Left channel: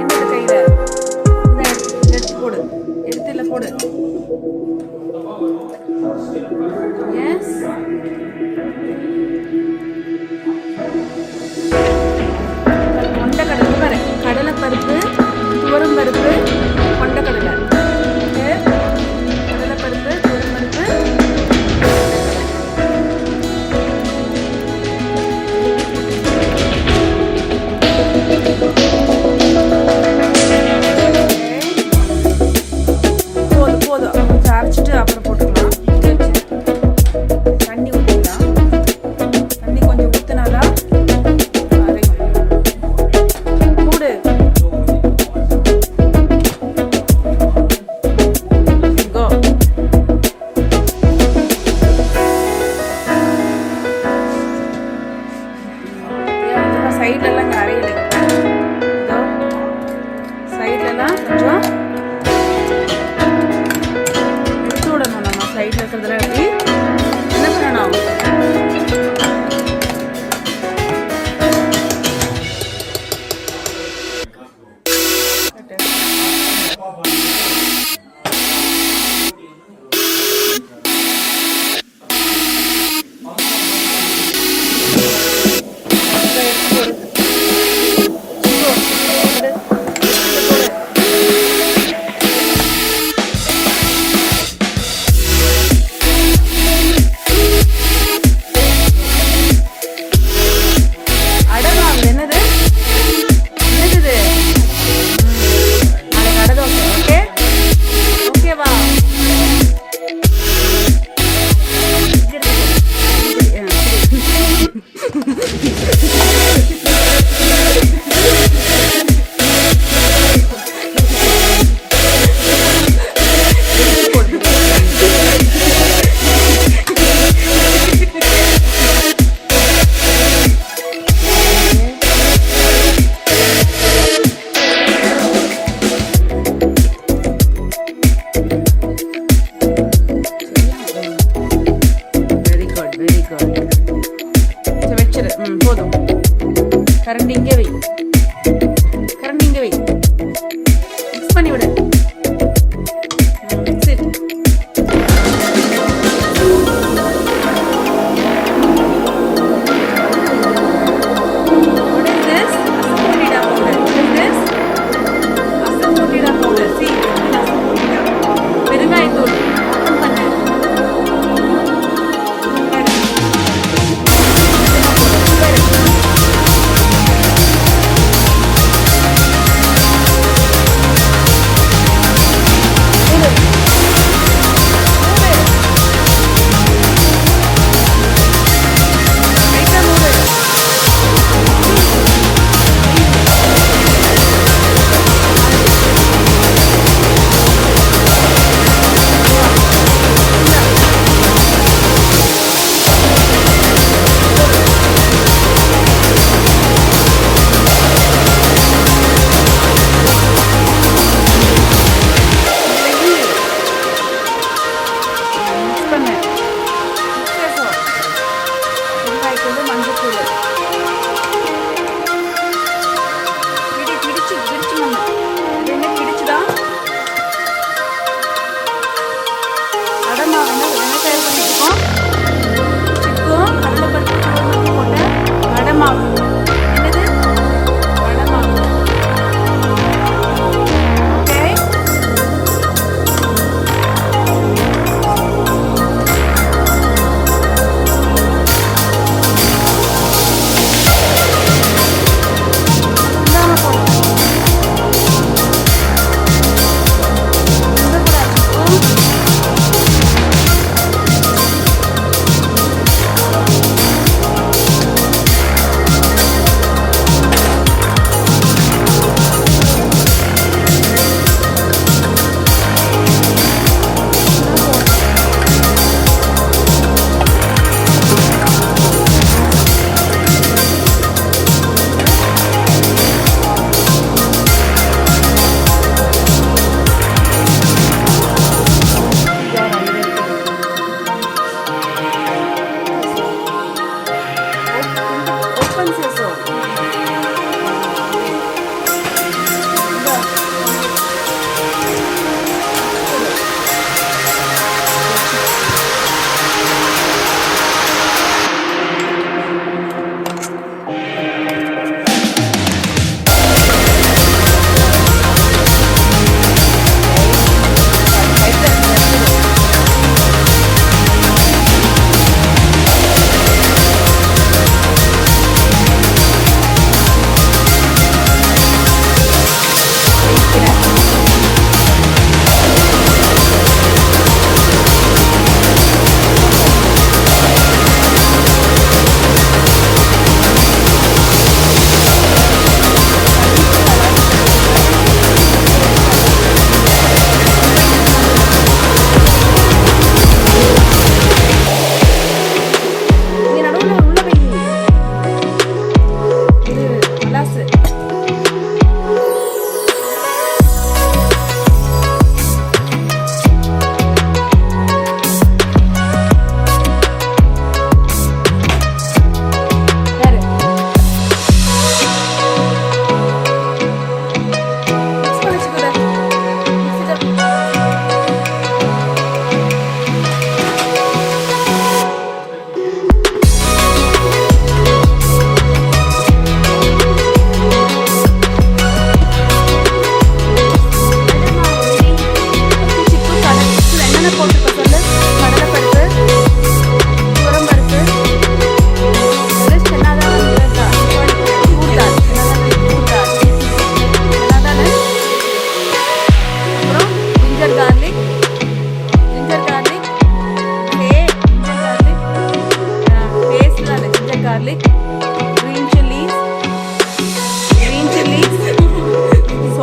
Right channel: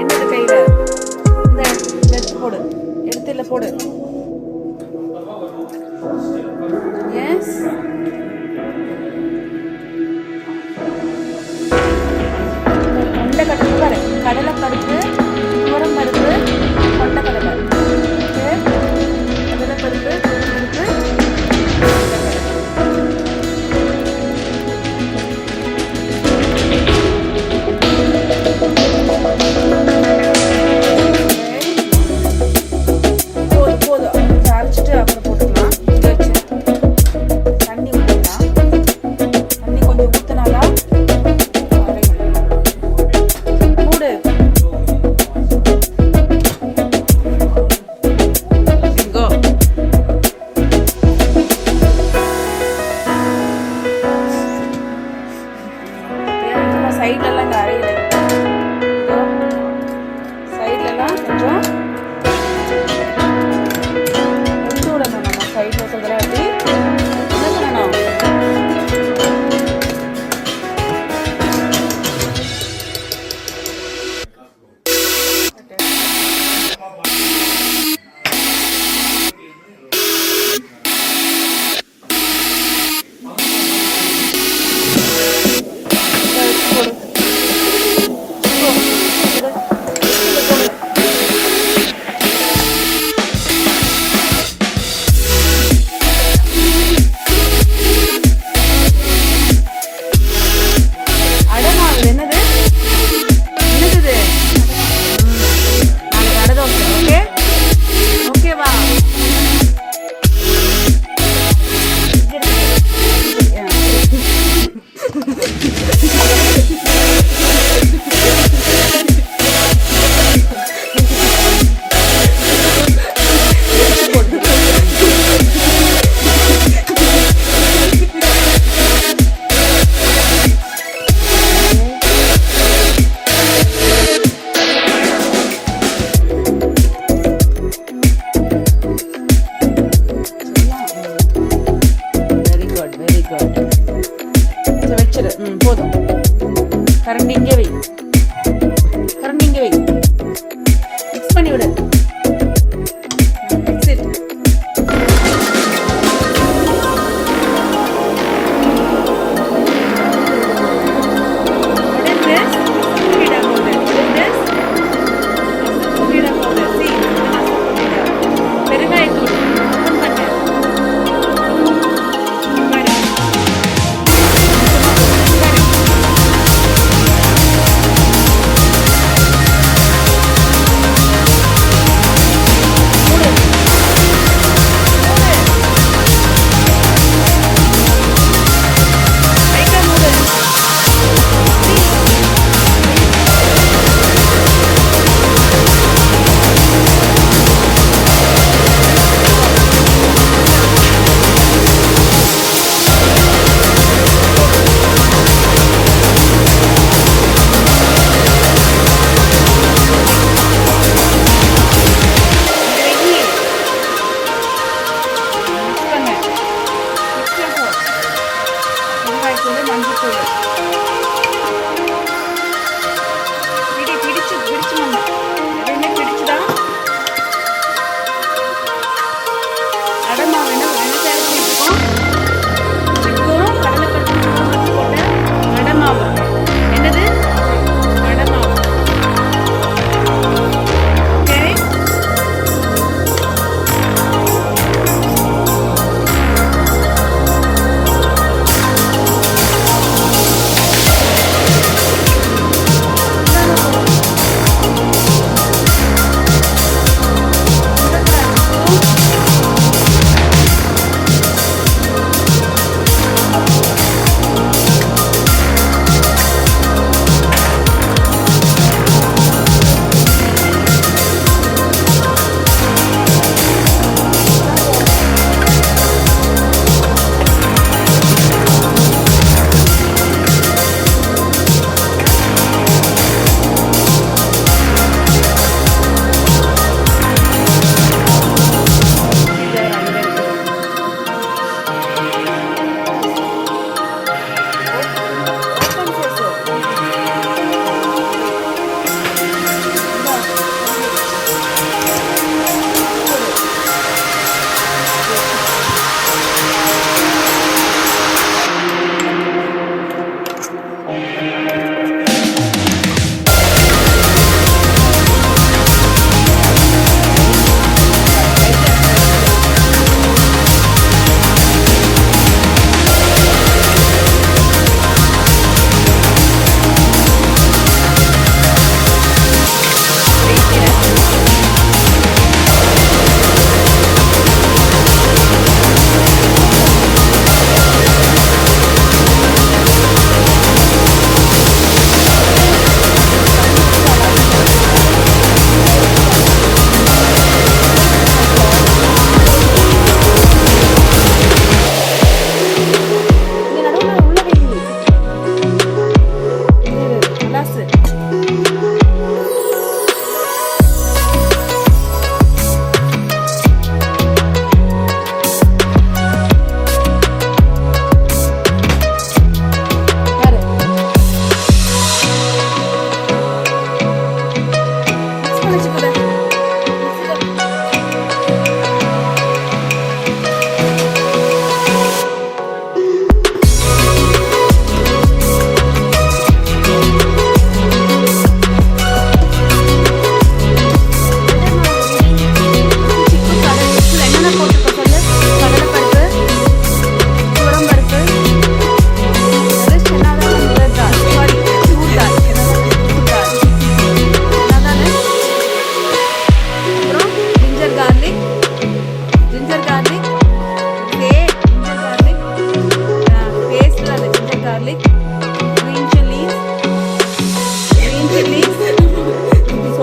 என்னது கையில இந்த எடுத்து போடு, எடுத்துல போடு. எஸ், கொண்டக்கடலை பாரு, கடலை பருப்பு, துவரம் பருப்பு, கொண்டக்கடலை. ஓகே, கடலை பருப்பு, துவரம் பருப்பு, கொண்டக்கடலை. போதும் போதும், கொஞ்சம் அரைச்சிட்டு அப்புறம் போட்டுக்கலாம். இங்கே வச்சு தண்ணி ஊற்றிக்கலாம். தண்ணி கொஞ்சம் ஊற்றினாதான் மூடு. கோ. சைட்லலாம் இங்கே அரையில, சைட்லலாம் கொஞ்சம் எடுத்து விடணும். நம்ம சைடில் இருக்கிறதுல அப்படி என்ன பண்ணணும், போடு. என்னது என்னது இது? நாளைக்கு அடை தோசை. ஓகே ஓகேவா? Very good. சரி வச்சிரு. போதும். கரண்டி இங்கே வை, கரண்டி இங்கே வை. மிக்ஸ் பண்ணி விடு. Mix it. What is this? Asafoetida powder. What is this? Asafoetida powder. See, asafoetida. பெருங்காயத்தூள். ஓபன் பண்ணு. வெங்காயத்தூள், மஞ்சத்தூள் பிடிச்சு மண்ணு எதுவுமே பிடிச்சுதான் அடை மாவு என்ன தயார் பண்ணிட்டுருக்கோம். சிக்கும் கடலை பருப்பு போட்ட அடை மாவு. என்னது அடை மாவு? ஓகே,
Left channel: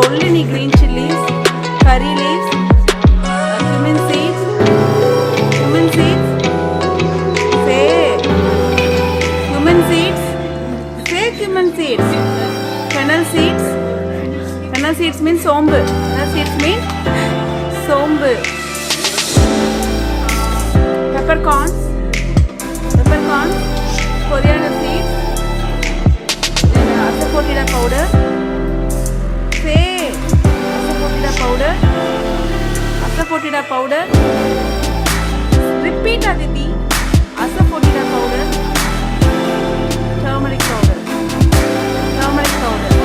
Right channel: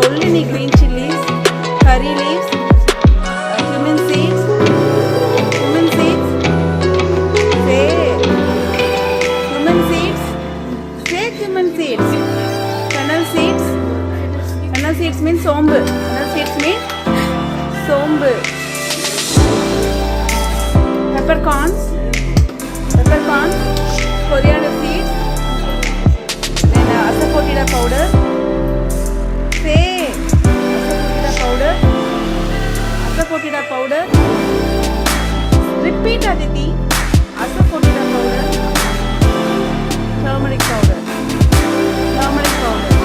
சொல்லு நீ. green chilies, curry leaves, cumin seeds, cumin seeds. Say cumin seeds. Say cumin seeds. Fennel seeds. Fennel seeds means sombu. Fennel seeds mean sombu. Peppercorns. Peppercorns. Coriander seeds. Then asafoetida powder. Say asafoetida powder. Asafoetida powder. Repeat Aditi. Asafoetida powder. Turmeric powder. Turmeric powder.